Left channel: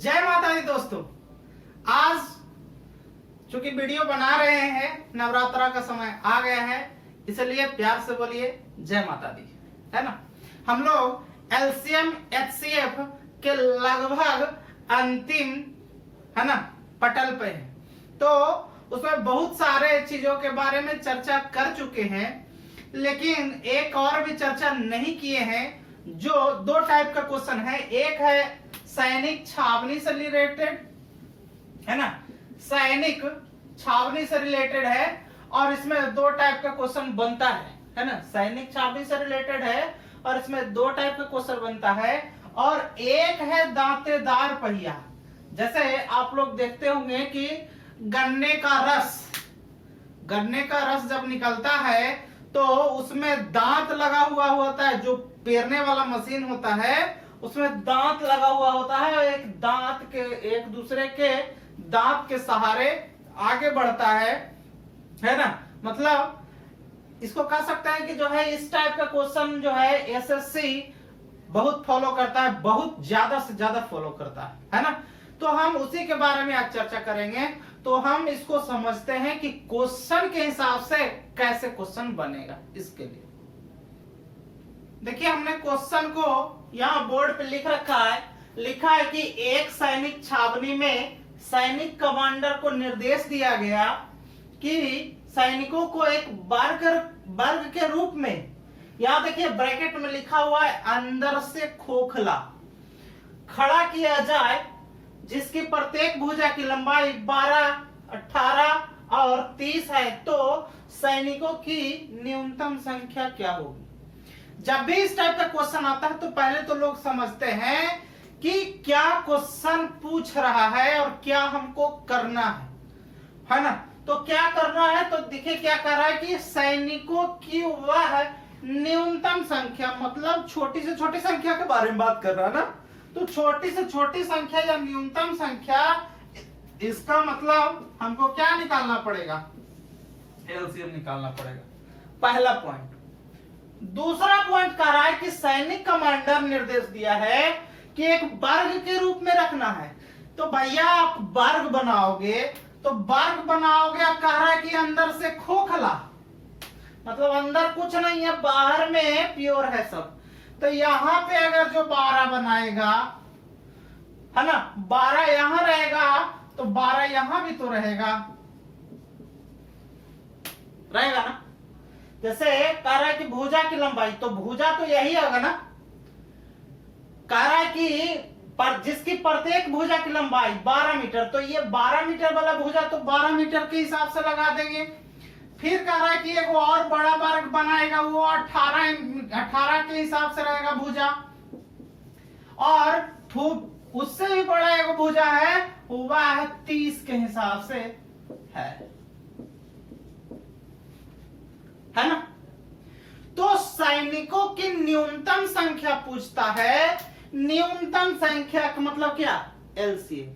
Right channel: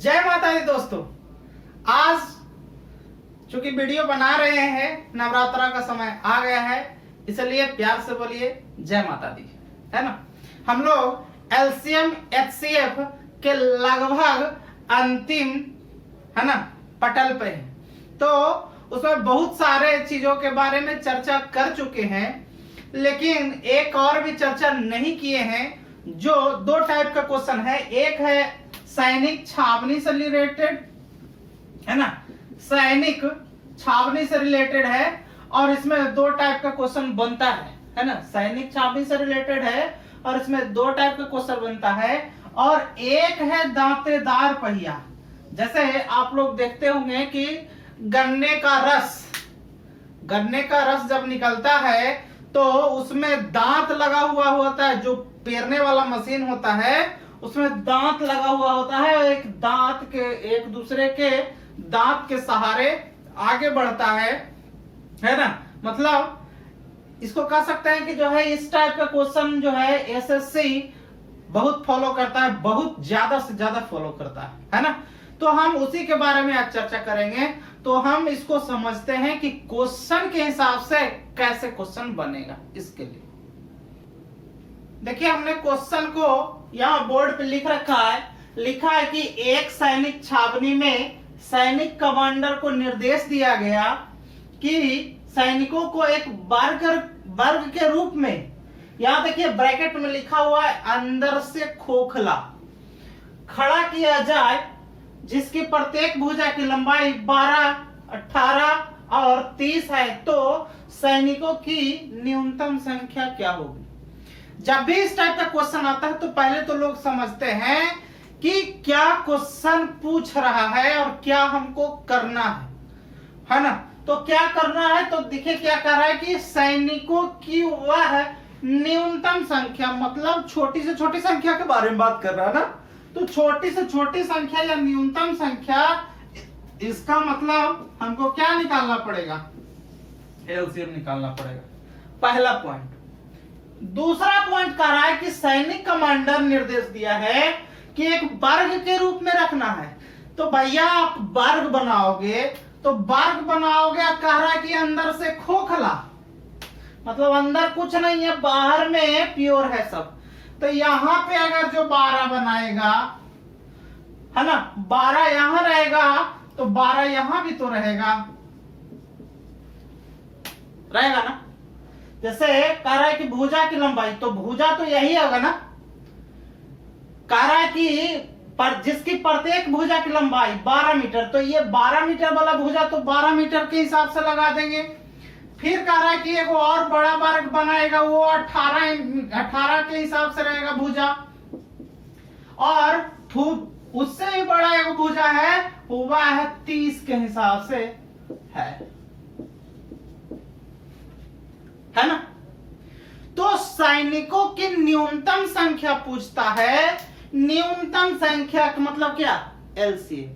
जय माता दी दोस्तों। आज चूंकि वीडियो बना रहे हैं, नवरात्रा का समय आ गया है, इसलिए प्यार से बोलिए जय माता दी, है ना। हम लोग एलसीएम एचसीएफ के लगभग अंतिम, है ना, पटल पे हैं। तो उसमें बहुत सारे चीजों के बारे में चर्चा कर चुके हैं, लेकिन एक और भी चर्चा नहीं किए हैं। जो दो टाइप का क्वेश्चन है, एक है सैनिक छावनी से रिलेटेड, है ना, सैनिक छावनी से रिलेटेड है, और इसमें दो टाइप का क्वेश्चन बनता है ना। सैनिक छावनी से रिलेटेड है और इसमें दो टाइप का क्वेश्चन बनता है। और एक है दांतेदार पहिया। जैसे आप लोग देखते होंगे कि गन्ने का रस जब निकलता है तो उसमें दांत लगा हुआ होता है। जो पेरने वाला मशीन होता है उसमें दांत लगा हुआ होता है, एक दूसरे के दांत के सहारे आगे बढ़ता है ना। मतलब इसको कह सकते हैं कि जो है इस टाइप का क्वेश्चन जो है एसएससी बहुत फॉलो करता है, बहुत ज्यादा से ज्यादा फॉलो करता है ना। तो हम उसी के बारे में आज चर्चा करेंगे। तो हम इसको समझते हैं कि क्वेश्चन के हिसाब से कैसे क्वेश्चन बनेगा। इसके लिए देखिए, हमने क्वेश्चन को यहाँ बोर्ड पे लिख रखा है। लिखा है कि एक सैनिक छावनी में सैनिक कमांडर को निर्देश दिया गया कि सैनिकों को एक वर्ग के रूप में, यहाँ देखिए ब्रैकेट में लिखा हुआ है, अंदर से खोखला खड़ा किया जाए, जिसकी प्रत्येक भुजा की लंबाई 12, 18 और 30 है। तो सैनिकों की न्यूनतम संख्या क्या होगी? जब भी इस टाइप का क्वेश्चन आता है तो पहले तो लोग समझते हैं कि क्या क्वेश्चन पूछ रहा है और क्या हमको करना है ना। तो क्या करना है, तो देखिए क्या कर रहा है कि सैनिकों की वह न्यूनतम संख्या, मतलब छोटी से छोटी संख्या के बारे में बात कर रहा है ना। तो छोटी से छोटी संख्या या न्यूनतम संख्या, इसका मतलब हमको क्या निकालना पड़ेगा? एलसीएम निकालना पड़ेगा, पहला पॉइंट। दूसरा पॉइंट कह रहा है कि सैनिक कमांडर निर्देश दिया है कि एक वर्ग के रूप में रखना है। तो भैया आप वर्ग बनाओगे कह रहा है कि अंदर से खोखला, मतलब अंदर कुछ नहीं है, बाहर में प्योर है सब। तो यहां पे अगर जो 12 बनाएगा, है ना, 12 यहां रहेगा तो 12 यहां भी तो रहेगा ना। जैसे कह रहा है कि भुजा की लंबाई, तो भुजा तो यही होगा ना। कह रहा है कि जिसकी प्रत्येक भुजा की लंबाई 12 मीटर, तो ये 12 मीटर वाला भुजा तो 12 मीटर के हिसाब से लगा देंगे। फिर कह रहा है कि एक और बड़ा वर्ग बनाएगा, वो 18 के हिसाब से रहेगा भुजा, और उससे भी बड़ा एक भुजा है, वो है 30 के हिसाब से है ना। तो सैनिकों की न्यूनतम संख्या पूछता है। न्यूनतम संख्या का मतलब क्या? एलसीएम।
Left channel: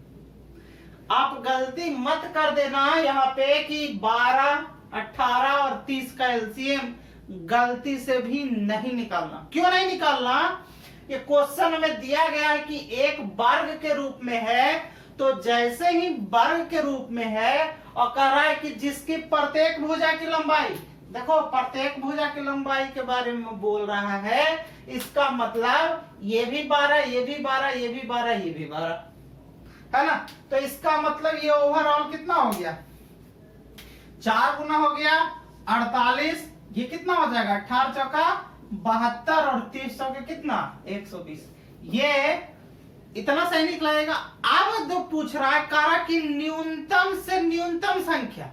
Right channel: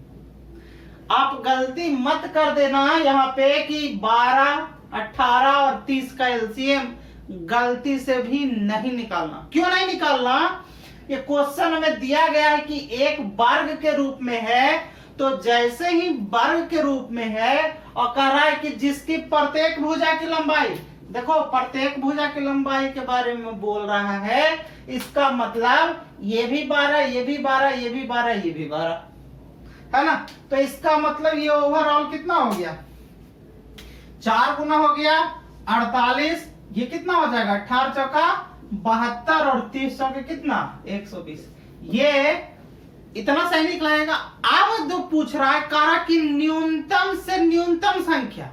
आप गलती मत कर देना यहाँ पे कि 12, 18 और 30 का एलसीएम गलती से भी नहीं निकालना। क्यों नहीं निकालना? ये क्वेश्चन में दिया गया है कि एक वर्ग के रूप में है, तो जैसे ही वर्ग के रूप में है और कह रहा है कि जिसकी प्रत्येक भुजा की लंबाई, देखो प्रत्येक भुजा की लंबाई के बारे में बोल रहा है, इसका मतलब ये भी 12, ये भी 12, ये भी 12, ये भी 12, है ना। तो इसका मतलब ये ओवरऑल कितना हो गया? 4 गुना हो गया 48। ये कितना हो जाएगा? 18 चौका 72 और 30 चौके कितना? 120। ये इतना सैनिक लगेगा। अब जो पूछ रहा है कारा की न्यूनतम से न्यूनतम संख्या,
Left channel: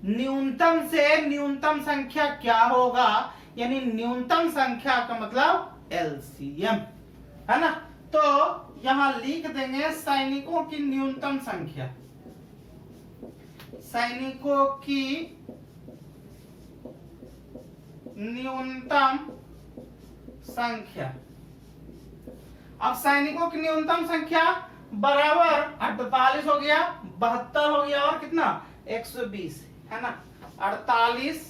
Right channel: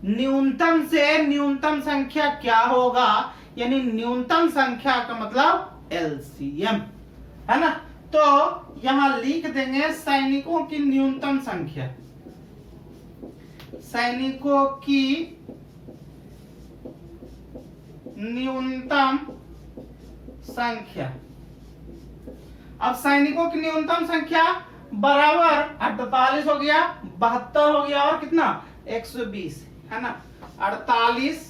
न्यूनतम से न्यूनतम संख्या क्या होगा? यानी न्यूनतम संख्या का मतलब एलसीएम, है ना। तो यहां लिख देंगे सैनिकों की न्यूनतम संख्या, सैनिकों की न्यूनतम संख्या। अब सैनिकों की न्यूनतम संख्या बराबर 48 हो गया, 72 हो गया और कितना? 120, है ना। 48,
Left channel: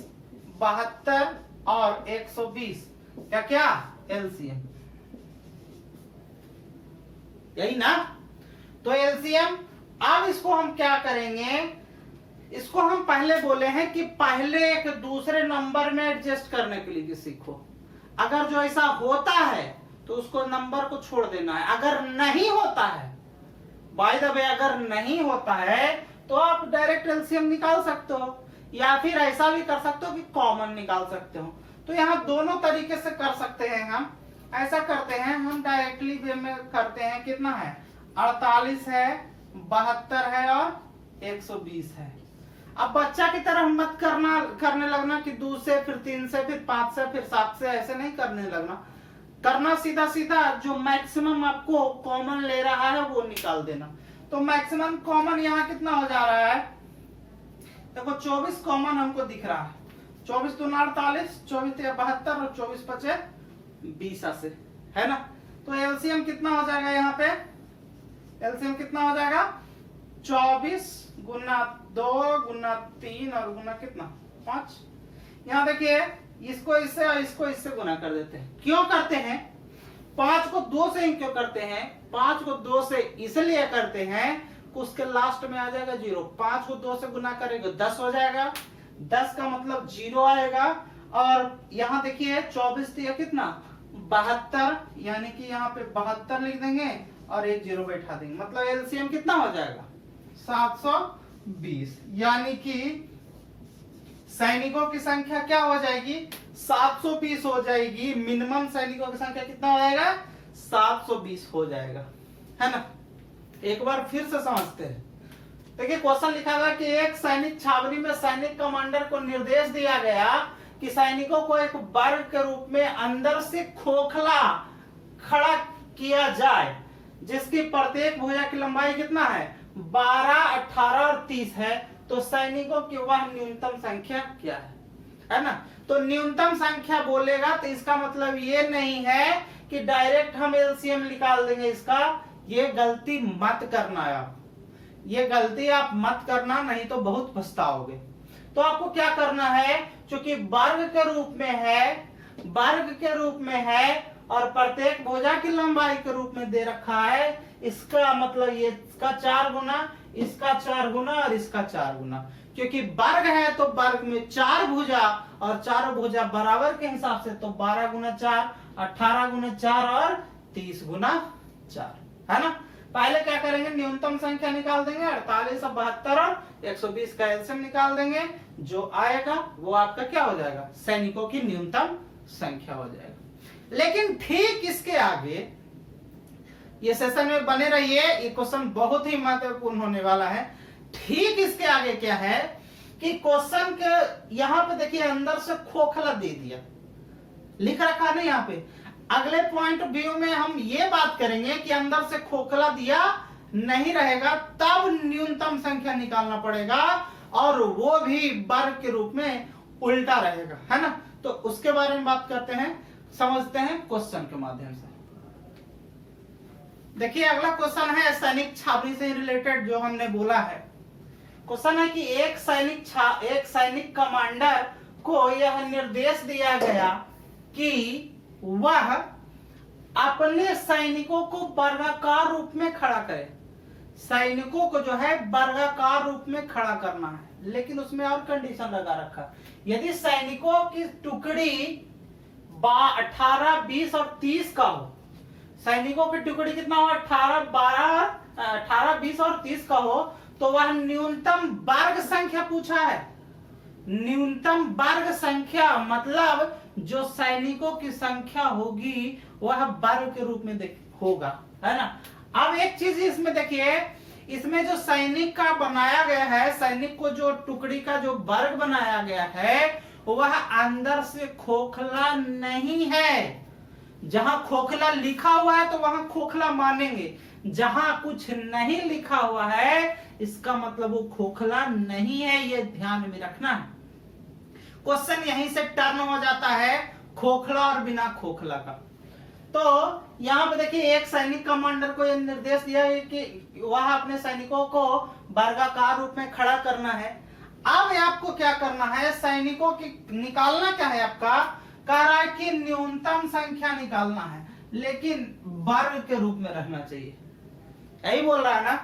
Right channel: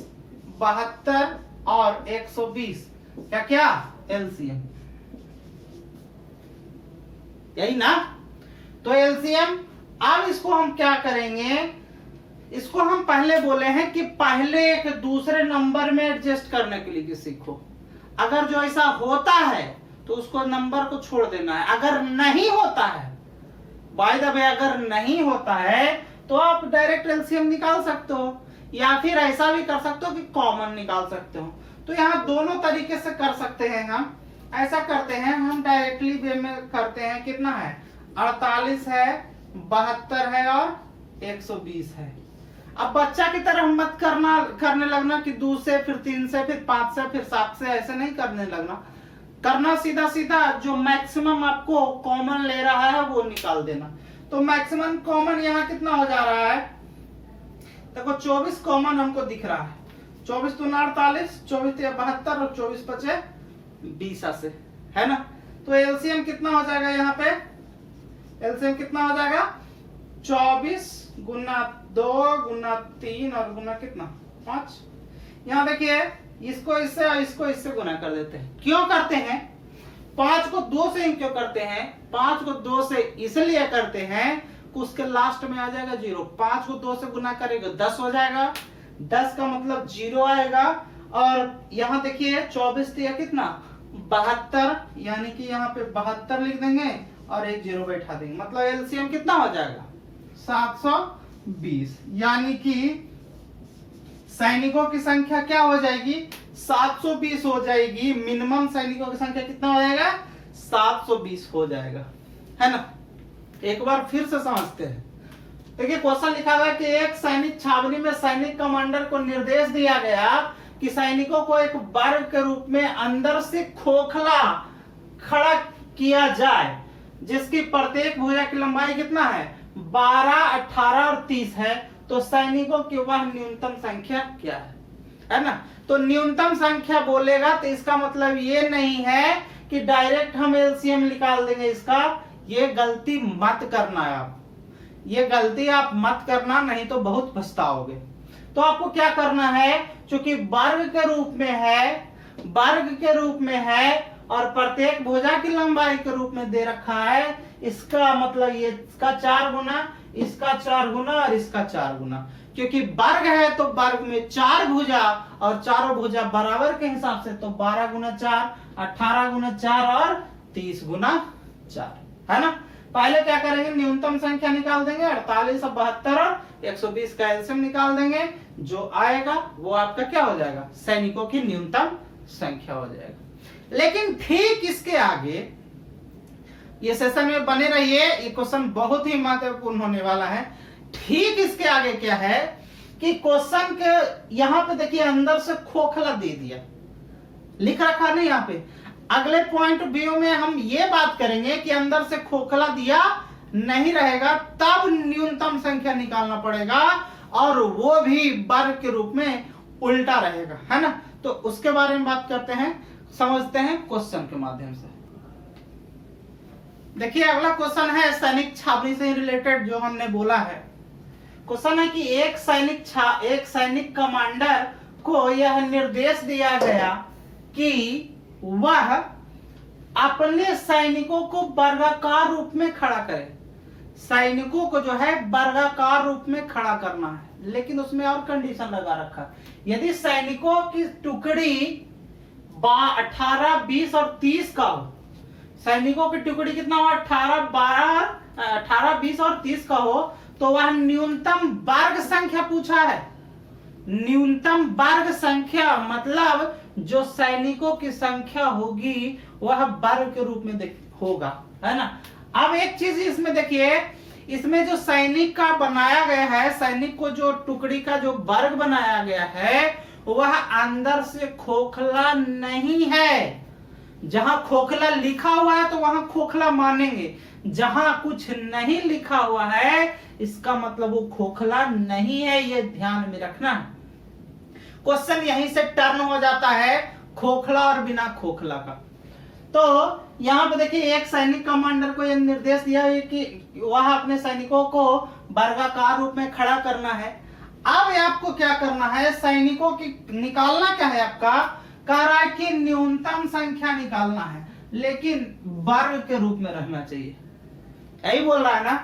72 और 120 क्या एलसीएम, यही ना। तो एलसीएम, अब इसको हम क्या करेंगे, इसको हम पहले बोले हैं कि पहले एक दूसरे नंबर में एडजस्ट करने के लिए सीखो। अगर जो ऐसा होता है तो उसको नंबर को छोड़ देना है, अगर नहीं होता है, बाय द वे अगर नहीं होता है तो आप डायरेक्ट एलसीएम निकाल सकते हो, या फिर ऐसा भी कर सकते हो कि कॉमन निकाल सकते हो। तो यहाँ दोनों तरीके से कर सकते हैं। हम ऐसा करते हैं, हम डायरेक्टली वे में करते हैं। कितना है, 48 है, 72 है और 120 है। अब बच्चा की तरह मत करने लगना कि 2 से फिर 3 से फिर 5 से फिर 7 से, ऐसे नहीं करने लगना। करना सीधा सीधा जो मैक्सिमम आपको कॉमन ले रहा है वो निकाल देना। तो मैक्सिमम कॉमन यहाँ कितना हो जा रहा है, देखो 24 कॉमन हमको दिख रहा है। 24 दूना 48, 24 तिया 72 और 24 पचे 20 से, है ना। तो एलसीएम कितना हो जाएगा, यहाँ पे एलसीएम कितना हो जाएगा, 24 गुना 2 गुना 3 और गुना कितना 5। यहाँ देखिए इसको इससे और इसको इससे गुना कर देते हैं। क्यों करते हैं, 5 को 2 से क्यों करते हैं, 5 को 2 से इसलिए करते हैं कि उसके लास्ट में आ जाएगा 0। 5 को 2 से गुना करेंगे 10 हो जाएगा, 10 का मतलब 0 आएगा। और यहाँ देखिए 24 दिया कितना 72, यानी कि यहाँ पे 72 लिख देंगे और एक 0 बैठा देंगे, मतलब एलसीएम कितना हो जाएगा 720। यानी कि सैनिकों की संख्या क्या हो जाएगी, 720 हो जाएगी। मिनिमम सैनिकों की संख्या कितना हो जाएगा, 720 हो जाएगा, है ना। एक बार फिर से समझते हैं। देखिए क्वेश्चन लिखा हुआ कि एक सैनिक छावनी में सैनिक कमांडर को निर्देश दिया गया कि सैनिकों को एक वर्ग के रूप में अंदर से खोखला खड़ा किया जाए, जिसकी प्रत्येक भुजा की लंबाई कितना है, 12, 18 और 30 है। तो सैनिकों की वह न्यूनतम संख्या क्या है ना। तो न्यूनतम संख्या बोलेगा तो इसका मतलब ये नहीं है कि डायरेक्ट हम एलसीएम निकाल देंगे इसका। ये गलती मत करना आप, ये गलती आप मत करना, नहीं तो बहुत पछताओगे। तो आपको क्या करना है, क्योंकि वर्ग के रूप में है, वर्ग के रूप में है और प्रत्येक भुजा की लंबाई के रूप में दे रखा है, इसका मतलब ये इसका 4 गुना, इसका 4 गुना और इसका 4 गुना। क्योंकि वर्ग है तो वर्ग में 4 भुजा और चारों भुजा बराबर के हिसाब से, तो 12 गुना 4, 18 गुना 4 और 30 गुना 4, है ना। पहले क्या करेंगे, न्यूनतम संख्या निकाल देंगे, 48 और 72 और 120 का एलसीएम निकाल देंगे। जो आएगा वो आपका क्या हो जाएगा, सैनिकों की न्यूनतम संख्या हो जाएगा। लेकिन ठीक इसके आगे ये सेशन में बने रहिए, ये क्वेश्चन बहुत ही महत्वपूर्ण होने वाला है। ठीक इसके आगे क्या है कि क्वेश्चन के यहाँ पे देखिए अंदर से खोखला दे दिया, लिख रखा नहीं यहाँ पे। अगले पॉइंट ऑफ व्यू में हम ये बात करेंगे कि अंदर से खोखला दिया नहीं रहेगा, तब न्यूनतम संख्या निकालना पड़ेगा, और वो भी वर्ग के रूप में उल्टा रहेगा, है ना। तो उसके बारे में बात करते हैं, समझते हैं क्वेश्चन के माध्यम से। देखिए अगला क्वेश्चन है सैनिक छावनी से रिलेटेड, जो हमने बोला है। क्वेश्चन है कि एक सैनिक कमांडर को यह निर्देश दिया गया कि वह अपने सैनिकों को वर्गाकार रूप में खड़ा करे। सैनिकों को जो है वर्गाकार रूप में खड़ा करना है, लेकिन उसमें और कंडीशन लगा रखा, यदि सैनिकों की टुकड़ी 18, 20 और 30 का हो, सैनिकों की टुकड़ी कितना हो, 18, 20 और 30 का हो, तो वह न्यूनतम वर्ग संख्या पूछा है। न्यूनतम वर्ग संख्या मतलब जो सैनिकों की संख्या होगी वह वर्ग के रूप में होगा, है ना। अब एक चीज इसमें देखिए, इसमें जो सैनिक का बनाया गया है, सैनिक को जो टुकड़ी का जो वर्ग बनाया गया है वह अंदर से खोखला नहीं है। जहां खोखला लिखा हुआ है तो वहां खोखला मानेंगे, जहां कुछ नहीं लिखा हुआ है इसका मतलब वो खोखला नहीं है, ये ध्यान में रखना है। क्वेश्चन यहीं से टर्न हो जाता है खोखला और बिना खोखला का। तो यहाँ पे देखिए एक सैनिक कमांडर को यह निर्देश दिया है कि वह अपने सैनिकों को वर्गाकार रूप में खड़ा करना है। अब आपको क्या करना है, सैनिकों की निकालना क्या है आपका, कह रहा है कि न्यूनतम संख्या निकालना है, लेकिन वर्ग के रूप में रहना चाहिए। यही बोल रहा है ना।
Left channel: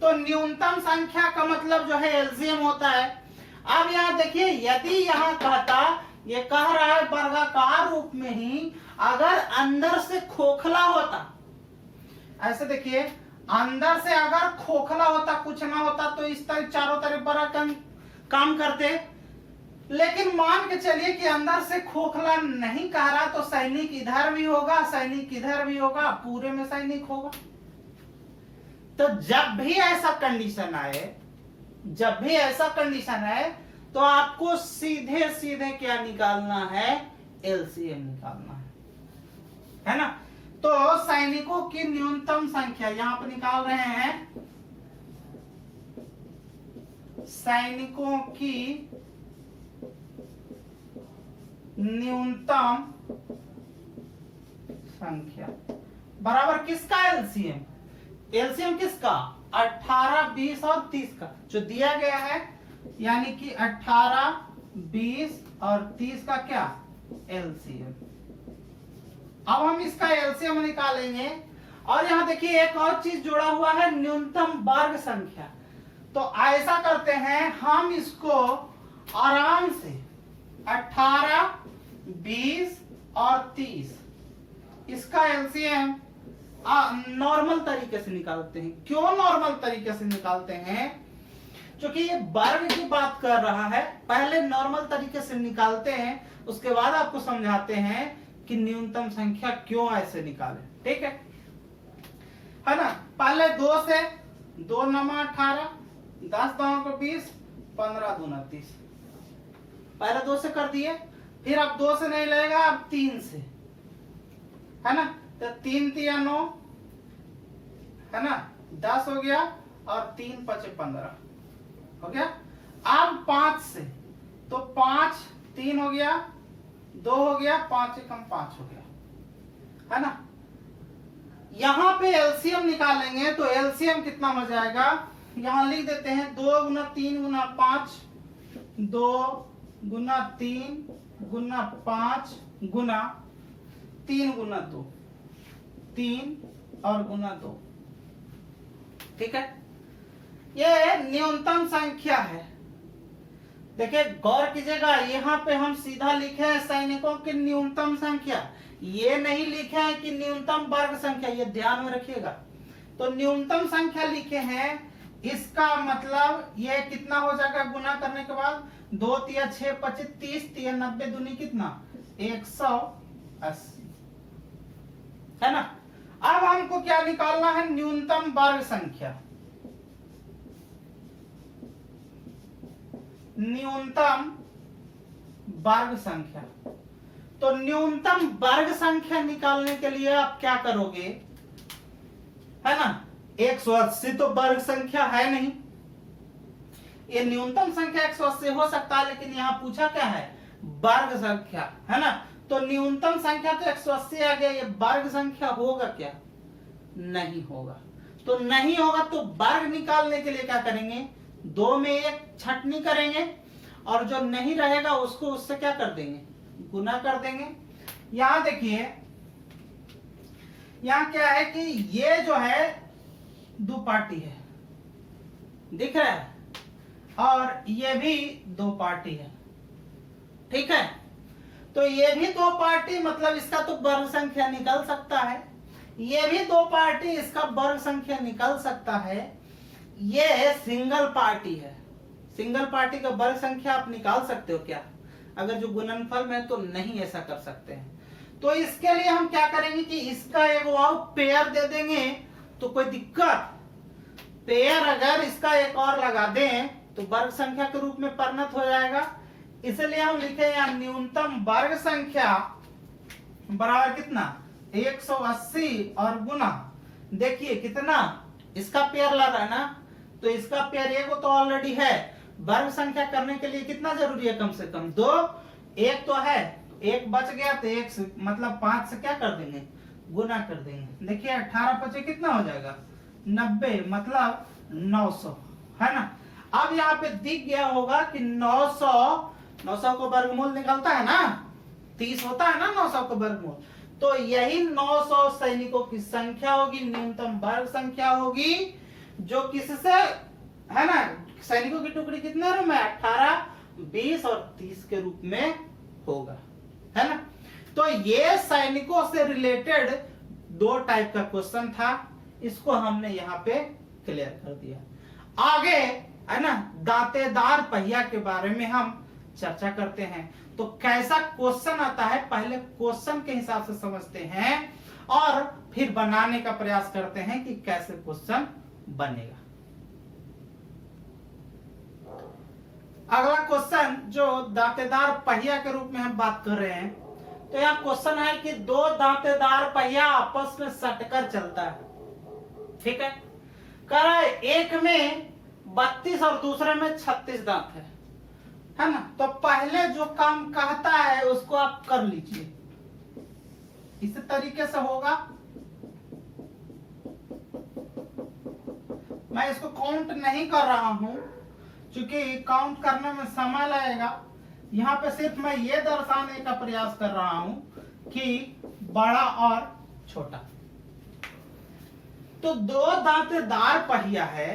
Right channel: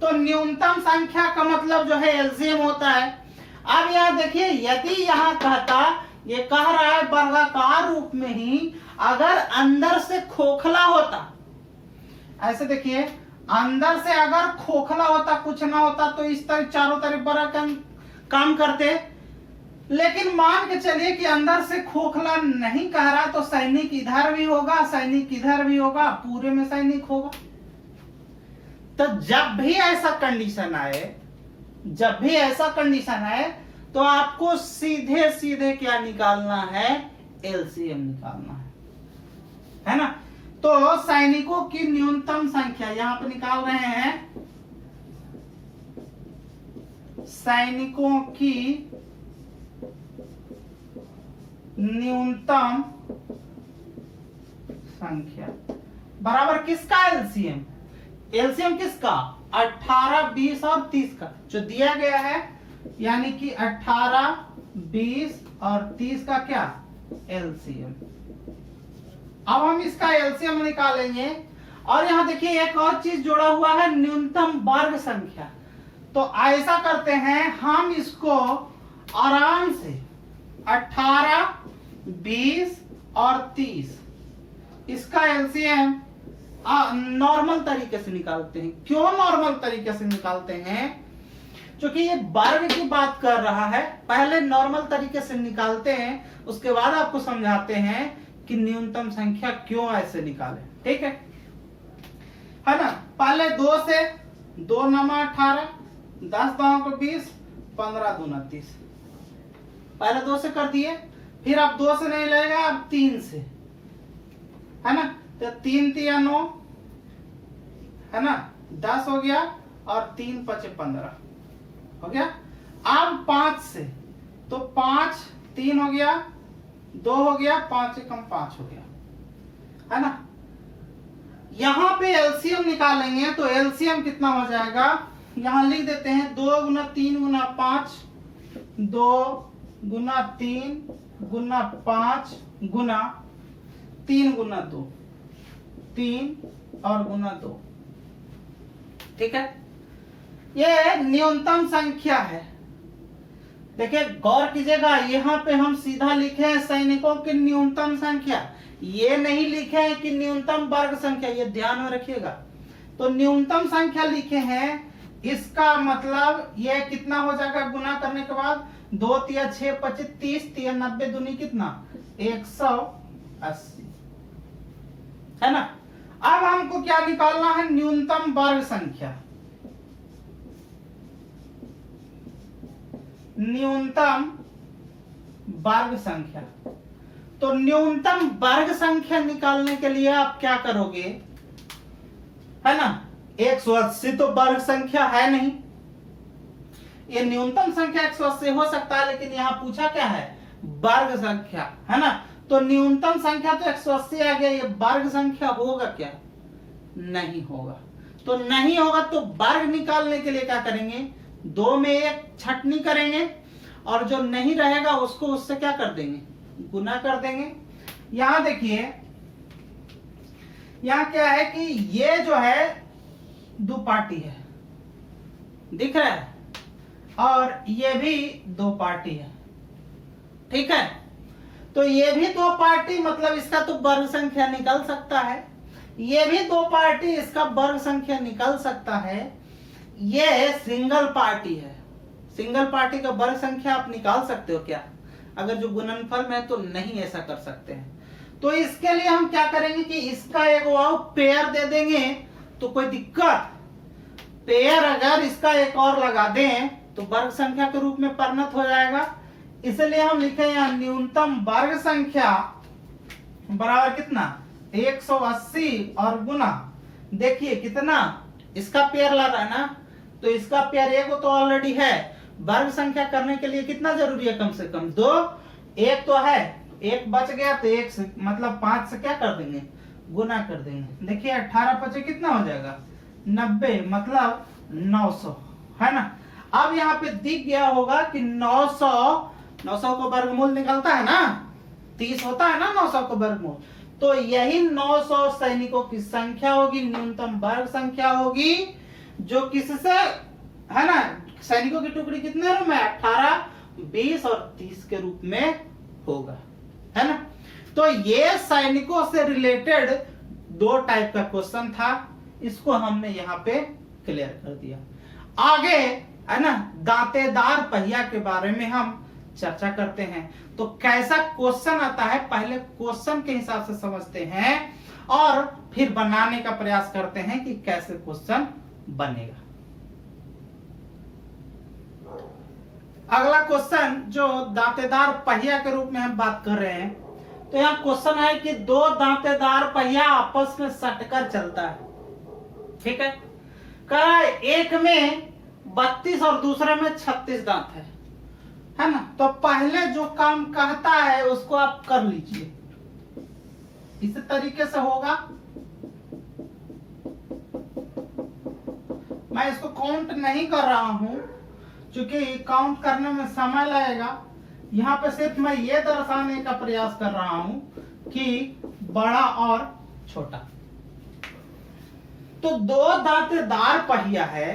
तो न्यूनतम संख्या का मतलब जो है एलसीएम होता है। अब यहाँ देखिए, यदि यहाँ कहता, ये कह रहा है वर्गाकार रूप में ही, अगर अंदर से खोखला होता, ऐसे देखिए, अंदर से अगर खोखला होता, कुछ ना होता, तो इस तरह चारों तरफ बड़ा काम करते। लेकिन मान के चलिए कि अंदर से खोखला नहीं कह रहा, तो सैनिक इधर भी होगा, सैनिक इधर भी होगा, पूरे में सैनिक होगा। तो जब भी ऐसा कंडीशन आए, जब भी ऐसा कंडीशन आए, तो आपको सीधे सीधे क्या निकालना है, एलसीएम निकालना है ना। तो सैनिकों की न्यूनतम संख्या यहां पर निकाल रहे हैं, सैनिकों की न्यूनतम संख्या बराबर किसका एलसीएम, एलसीएम किसका, 18, 20 और 30 का जो दिया गया है, यानी कि 18, 20 और 30 का क्या एलसीएम। अब हम इसका एलसीएम निकालेंगे। और यहां देखिए एक और चीज जुड़ा हुआ है, न्यूनतम वर्ग संख्या। तो ऐसा करते हैं, हम इसको आराम से 18, 20 और 30 इसका एलसीएम नॉर्मल तरीके से निकालते हैं। क्यों नॉर्मल तरीके से निकालते हैं, क्योंकि ये वर्ग की बात कर रहा है। पहले नॉर्मल तरीके से निकालते हैं, उसके बाद आपको समझाते हैं कि न्यूनतम संख्या क्यों ऐसे निकाले, ठीक है ना। पहले 2 से, 2 नमा 18, 10 दाओं को 20, 15 दूना 30, पहले 2 से कर दिए। फिर अब 2 से नहीं लगेगा, अब 3 से, है ना। तो 3 तिया 9, है ना, 10 हो गया, और 3 5 15 हो गया। अब 5 से, तो 5, 3 हो गया, 2 हो गया, 5 से कम 5 हो गया, है ना। यहां पे एलसीएम निकालेंगे, तो एलसीएम कितना हो जाएगा, यहां लिख देते हैं 2 गुना 3 गुना 5, 2 गुना 3 गुना 5 गुना 3 गुना 2, 3 और गुना 2, ठीक है। ये न्यूनतम संख्या है। देखिए गौर कीजिएगा, यहाँ पे हम सीधा लिखे हैं सैनिकों की न्यूनतम संख्या, ये नहीं लिखे हैं कि न्यूनतम वर्ग संख्या, ये ध्यान में रखिएगा। तो न्यूनतम संख्या लिखे हैं, इसका मतलब ये कितना हो जाएगा गुना करने के बाद, 2 तिया 6 25 30 तिया 90 दूनी कितना 180, है ना। अब हमको क्या निकालना है, न्यूनतम वर्ग संख्या, न्यूनतम वर्ग संख्या। तो न्यूनतम वर्ग संख्या निकालने के लिए आप क्या करोगे, है ना। 180 तो वर्ग संख्या है नहीं, ये न्यूनतम संख्या 180 हो सकता है, लेकिन यहां पूछा क्या है, वर्ग संख्या, है ना। तो न्यूनतम संख्या तो 180 आ गया, ये वर्ग संख्या होगा क्या, नहीं होगा। तो नहीं होगा, तो वर्ग निकालने के लिए क्या करेंगे, 2 में 1 छटनी करेंगे, और जो नहीं रहेगा उसको उससे क्या कर देंगे, गुना कर देंगे। यहां देखिए, यहां क्या है कि ये जो है 2 पार्टी है, दिख रहा है, और ये भी 2 पार्टी है, ठीक है। तो ये भी 2 पार्टी, मतलब इसका तो वर्ग संख्या निकल सकता है, ये भी 2 पार्टी, इसका वर्ग संख्या निकल सकता है। ये सिंगल पार्टी है, सिंगल पार्टी का वर्ग संख्या आप निकाल सकते हो क्या, अगर जो गुणनफल में है तो नहीं ऐसा कर सकते हैं। तो इसके लिए हम क्या करेंगे कि इसका एक वाव पेयर दे देंगे, तो कोई दिक्कत, पेयर अगर इसका एक और लगा दें तो वर्ग संख्या के रूप में परिणत हो जाएगा। इसलिए हम लिखे यहाँ न्यूनतम वर्ग संख्या बराबर कितना 180, और गुना देखिए कितना, इसका पेयर ला रहा है ना, तो इसका पेयर एक तो ऑलरेडी है। वर्ग संख्या करने के लिए कितना जरूरी है, कम से कम 2, 1 तो है, 1 बच गया, तो 1 से मतलब 5 से क्या कर देंगे, गुना कर देंगे। देखिए 18 5 कितना हो जाएगा 90, मतलब 900, है ना। अब यहाँ पे दिख गया होगा कि 900 को वर्गमूल निकलता है ना, 30 होता है ना 900 को वर्गमूल, तो यही 900 सैनिकों की संख्या होगी, न्यूनतम वर्ग संख्या होगी, जो किससे, है ना, सैनिकों की टुकड़ी कितने रूप में, 18, 20 और 30 के रूप में होगा, है ना। तो ये सैनिकों से रिलेटेड 2 टाइप का क्वेश्चन था, इसको हमने यहाँ पे क्लियर कर दिया। आगे, है ना, दांतेदार पहिया के बारे में हम चर्चा करते हैं। तो कैसा क्वेश्चन आता है, पहले क्वेश्चन के हिसाब से समझते हैं और फिर बनाने का प्रयास करते हैं कि कैसे क्वेश्चन बनेगा। अगला क्वेश्चन जो दांतेदार पहिया के रूप में हम बात कर रहे हैं, तो यहाँ क्वेश्चन है कि 2 दांतेदार पहिया आपस में सटकर चलता है, ठीक है। कह रहा है एक में 32 और दूसरे में 36 दांत है ना। तो पहले जो काम कहता है उसको आप कर लीजिए, इस तरीके से होगा। मैं इसको काउंट नहीं कर रहा हूं क्योंकि काउंट करने में समय लगेगा। यहाँ पे सिर्फ मैं ये दर्शाने का प्रयास कर रहा हूं कि बड़ा और छोटा। तो 2 दांतेदार पहिया है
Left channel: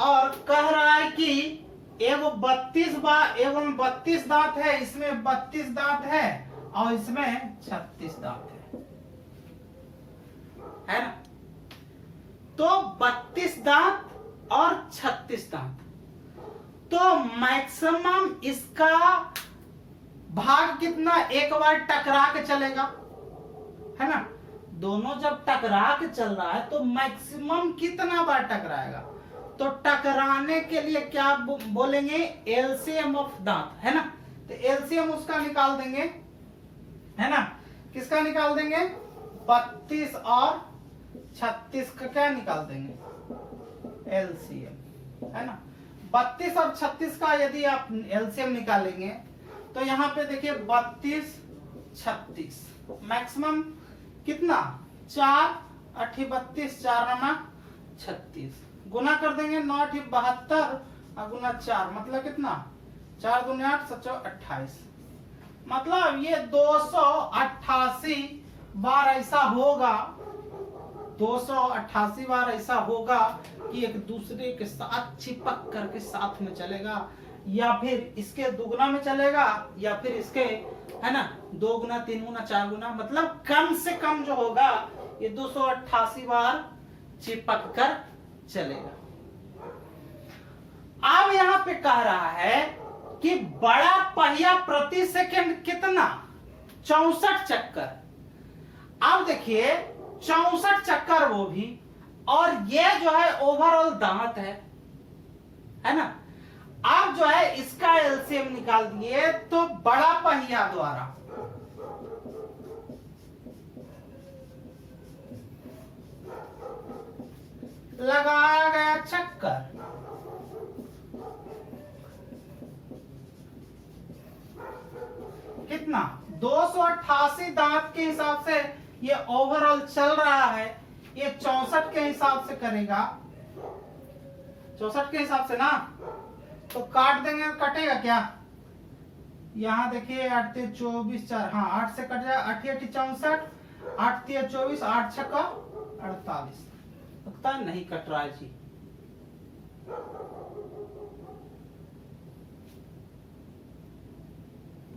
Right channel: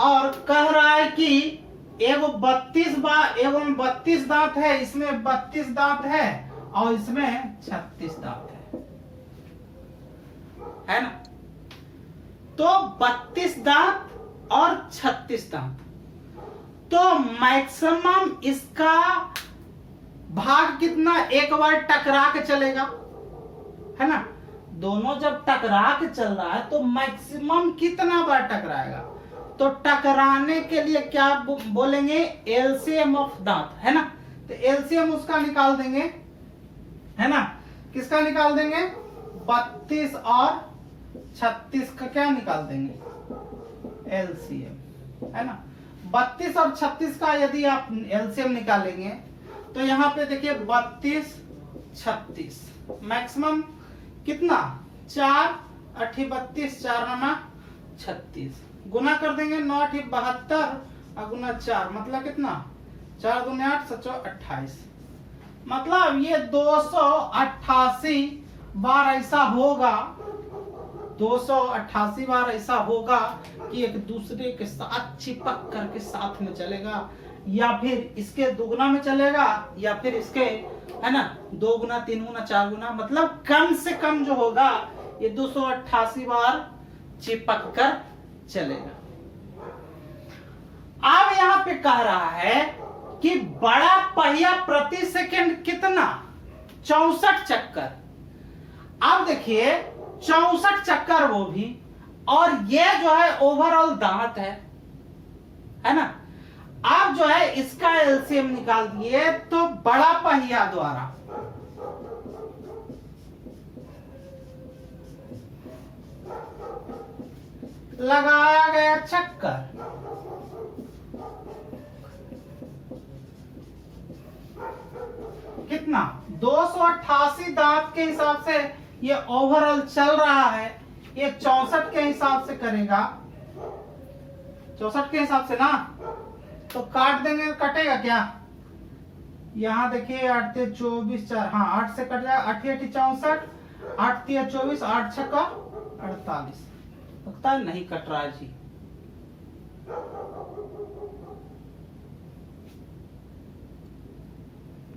और कह रहा है कि एवं 32 दांत है, इसमें 32 दांत है और इसमें 36 दांत है ना। तो 32 दांत और 36 दांत, तो मैक्सिमम इसका भाग कितना, एक बार टकरा के चलेगा, है ना। दोनों जब टकरा के चल रहा है तो मैक्सिमम कितना बार टकराएगा, तो टकराने के लिए क्या बोलेंगे, एलसीएम ऑफ दांत, है ना। तो एलसीएम उसका निकाल देंगे, है ना। किसका निकाल देंगे, 32 और 36 का क्या निकाल देंगे, एलसीएम, है ना। 32 और 36 का यदि आप एलसीएम निकालेंगे तो यहाँ पे देखिए 32, 36 मैक्सिमम कितना, 4 8 32, 4 नमा 36, गुना कर देंगे 9 8 72 और गुना 4 मतलब कितना, 4 दूनी 8 7 28, मतलब ये 288 बार ऐसा होगा, 288 बार ऐसा होगा कि एक दूसरे के साथ चिपक करके साथ में चलेगा, या फिर इसके दुगुना में चलेगा, या फिर इसके, है ना, 2 गुना 3 गुना 4 गुना, मतलब कम से कम जो होगा ये 288 बार चिपक कर चलेगा। अब यहाँ पे कह रहा है कि बड़ा पहिया प्रति सेकंड कितना, 64 चक्कर। अब देखिए 64 चक्कर वो भी, और ये जो है ओवरऑल दांत है ना। आप जो है इसका एलसीएम निकाल दिए तो बड़ा पहिया द्वारा लगाया गया चक्कर कितना, 288 दांत के हिसाब से ये ओवरऑल चल रहा है, ये 64 के हिसाब से करेगा, 64 के हिसाब से ना, तो काट देंगे, कटेगा क्या, यहाँ देखिए 8 3 24 4, हाँ 8 से कट जाएगा, 8 8 64, 8 3 24, 8 6 48, लगता है नहीं कट रहा है जी।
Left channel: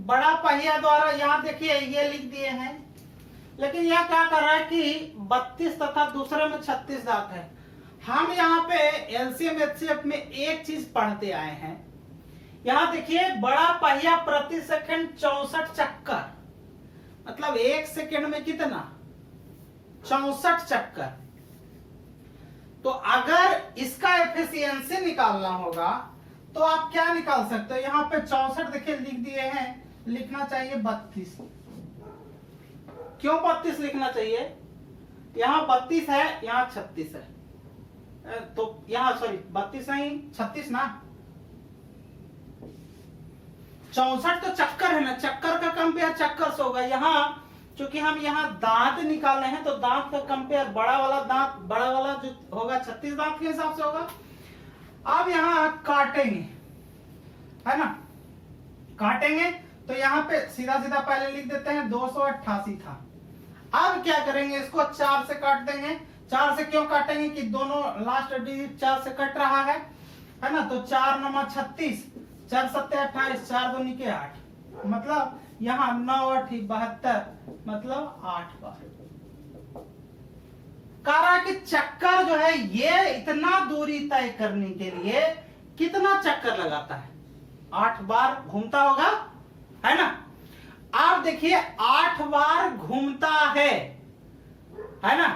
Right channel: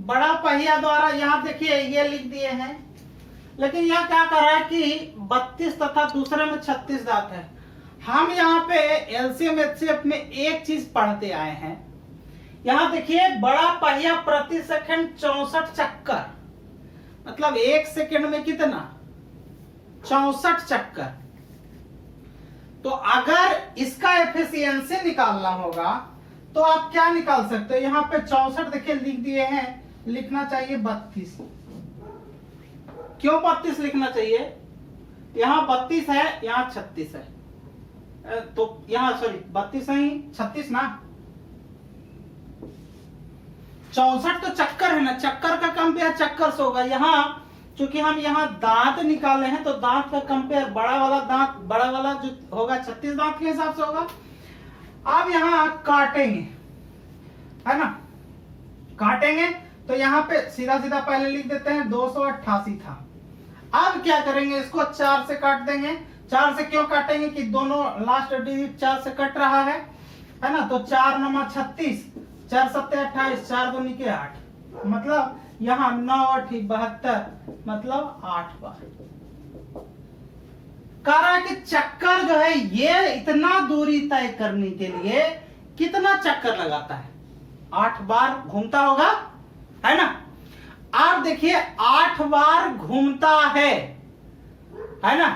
बड़ा पहिया द्वारा यहाँ देखिए ये लिख दिए हैं, लेकिन यह क्या कर रहा है कि 32 तथा दूसरे में 36 दांत है। हम यहाँ पे एलसीएम एचसीएफ में एक चीज पढ़ते आए हैं, यहाँ देखिए बड़ा पहिया प्रति सेकंड 64 चक्कर, मतलब 1 सेकंड में कितना, 64 चक्कर। तो अगर इसका एफिशिएंसी निकालना होगा तो आप क्या निकाल सकते हो, यहाँ पे 64 देखिए लिख दिए हैं, लिखना चाहिए 32। क्यों 32 लिखना चाहिए, यहाँ 32 है, यहाँ 36 है, तो यहाँ सॉरी 32 नहीं 36 ना, 64 तो चक्कर है ना, चक्कर का कंपेयर चक्कर से होगा। यहाँ चूंकि हम यहाँ दांत निकाले हैं तो दांत का कंपेयर बड़ा वाला जो होगा 36 दांत के हिसाब से होगा। अब यहाँ काटेंगे, है ना, काटेंगे तो यहाँ पे सीधा सीधा पहले लिख देते हैं 288 था। अब क्या करेंगे, इसको 4 से काट देंगे। 4 से क्यों काटेंगे कि दोनों लास्ट डिजिट 4 से कट रहा है ना। तो 4 नंबर 36, 4 सत्ते 28, 4 दूनी के 8, मतलब यहाँ 9 8 72, मतलब 8 बार। कह रहा है कि चक्कर जो है ये इतना दूरी तय करने के लिए कितना चक्कर लगाता है, 8 बार घूमता होगा, है ना। आप देखिए 8 बार घूमता है ना।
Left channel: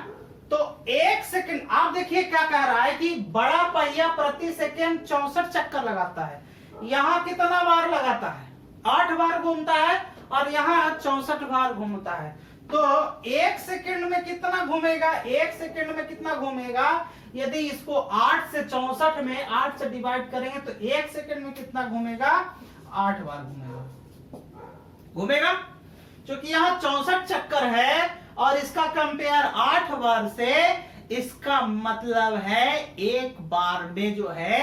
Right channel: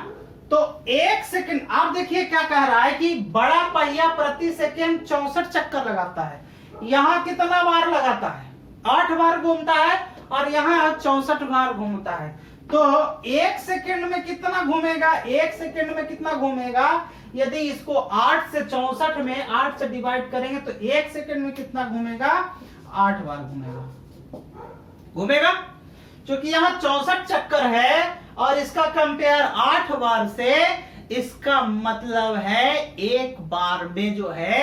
तो 1 सेकंड, आप देखिए क्या कह रहा है कि बड़ा पहिया प्रति सेकंड 64 चक्कर लगाता है। यहां कितना बार लगाता है, 8 बार घूमता है, और यहां 64 बार घूमता है। तो 1 सेकंड में कितना घूमेगा, 1 सेकंड में कितना घूमेगा, यदि इसको 8 से 64 में 8 से डिवाइड करेंगे तो 1 सेकंड में कितना घूमेगा, 8 बार घूमेगा। क्योंकि यहाँ 64 चक्कर है और इसका कंपेयर 8 बार से, इसका मतलब है 1 बार में जो है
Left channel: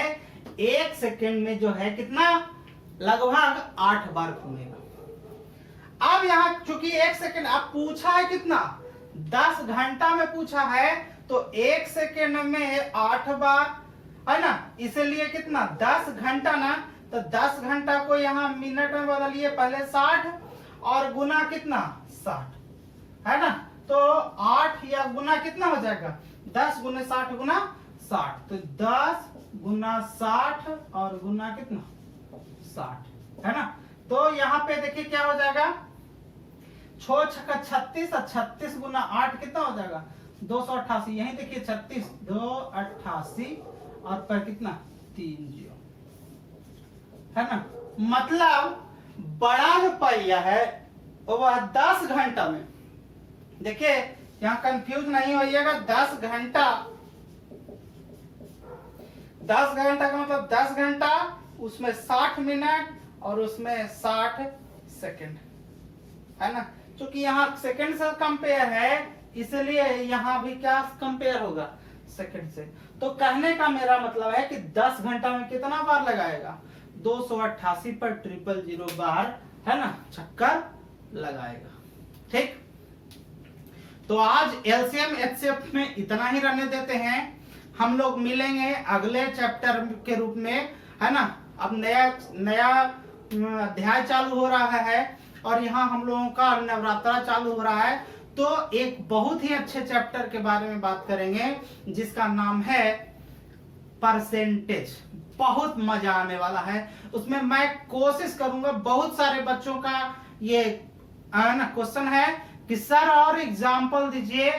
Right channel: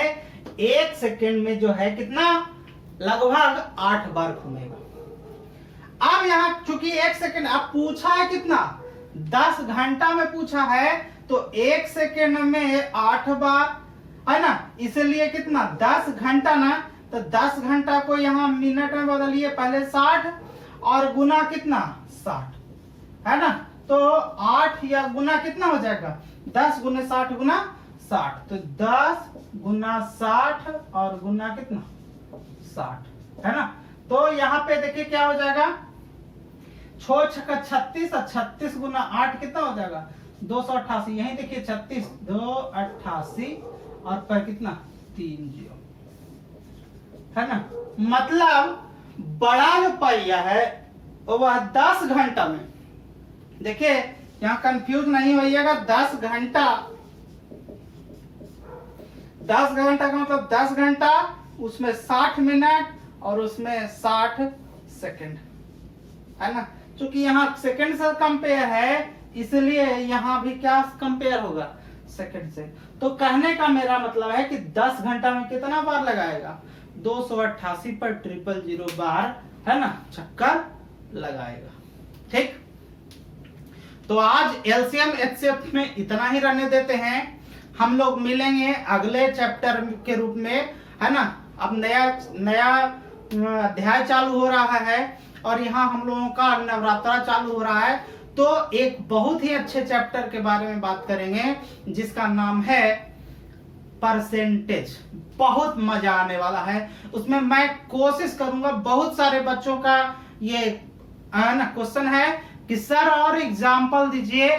1 सेकंड में जो है कितना, लगभग 8 बार घूमेगा। अब यहाँ चूंकि 1 सेकंड अब पूछा है कितना, 10 घंटा में पूछा है, तो 1 सेकंड में 8 बार, है ना। इसलिए कितना, 10 घंटा ना, तो 10 घंटा को यहाँ मिनट में बदलिए, पहले 60 और गुना कितना 60, है ना। तो 8 या गुना कितना हो जाएगा, 10 गुना 60 गुना 60, तो 10 गुना 60 और गुना कितना 60, है ना। तो यहाँ पे देखिए क्या हो जाएगा, 6 छक्का 36 और 36 गुना 8 कितना हो जाएगा, 288। यही देखिए 36 288 और पर कितना 30, है ना। मतलब बड़ा जो पहिया है वह 10 घंटा में, देखिए यहाँ कंफ्यूज नहीं होइएगा, 10 घंटा, 10 घंटा का मतलब 10 घंटा, उसमें 60 मिनट और उसमें 60 सेकंड, है ना। क्योंकि यहाँ सेकंड से कंपेयर है, इसलिए यहाँ भी क्या कंपेयर होगा, सेकंड से। तो कहने का मेरा मतलब है कि 10 घंटा में कितना बार लगाएगा, 288 पर 000 बार, है ना, चक्कर लगाएगा। ठीक, तो आज एलसीएम एचसीएफ में इतना ही रहने देते हैं। हम लोग मिलेंगे अगले चैप्टर के रूप में, है ना। अब नया अध्याय चालू हो रहा है और यहाँ हम लोगों का नवरात्रा चालू हो रहा है, तो एक बहुत ही अच्छे चैप्टर के बारे में बात करेंगे जिसका नाम है परसेंटेज। बहुत मजा आने वाला है उसमें। मैं कोशिश करूंगा, बहुत सारे बच्चों का ये क्वेश्चन है कि सर और एग्जाम्पल दीजिए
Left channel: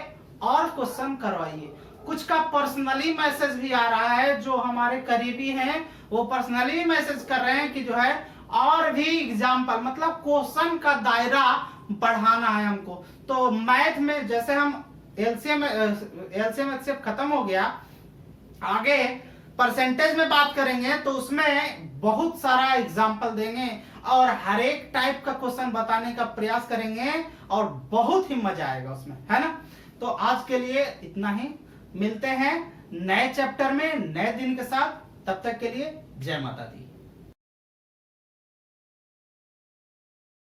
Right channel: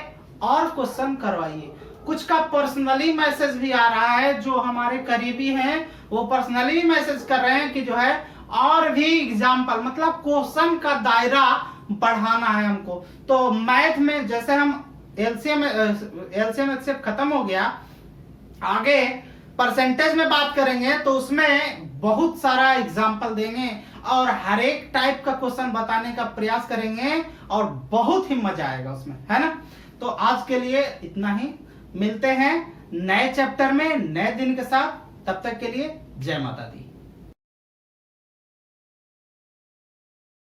और क्वेश्चन करवाइए। कुछ का पर्सनली मैसेज भी आ रहा है, जो हमारे करीबी हैं वो पर्सनली मैसेज कर रहे हैं कि जो है और भी एग्जाम्पल, मतलब क्वेश्चन का दायरा बढ़ाना है हमको। तो मैथ में जैसे हम एलसीएम एचसीएफ खत्म हो गया, आगे परसेंटेज में बात करेंगे तो उसमें बहुत सारा एग्जाम्पल देंगे और हर एक टाइप का क्वेश्चन बताने का प्रयास करेंगे और बहुत ही मजा आएगा उसमें, है ना। तो आज के लिए इतना ही, मिलते हैं नए चैप्टर में नए दिन के साथ। तब तक के लिए जय माता दी।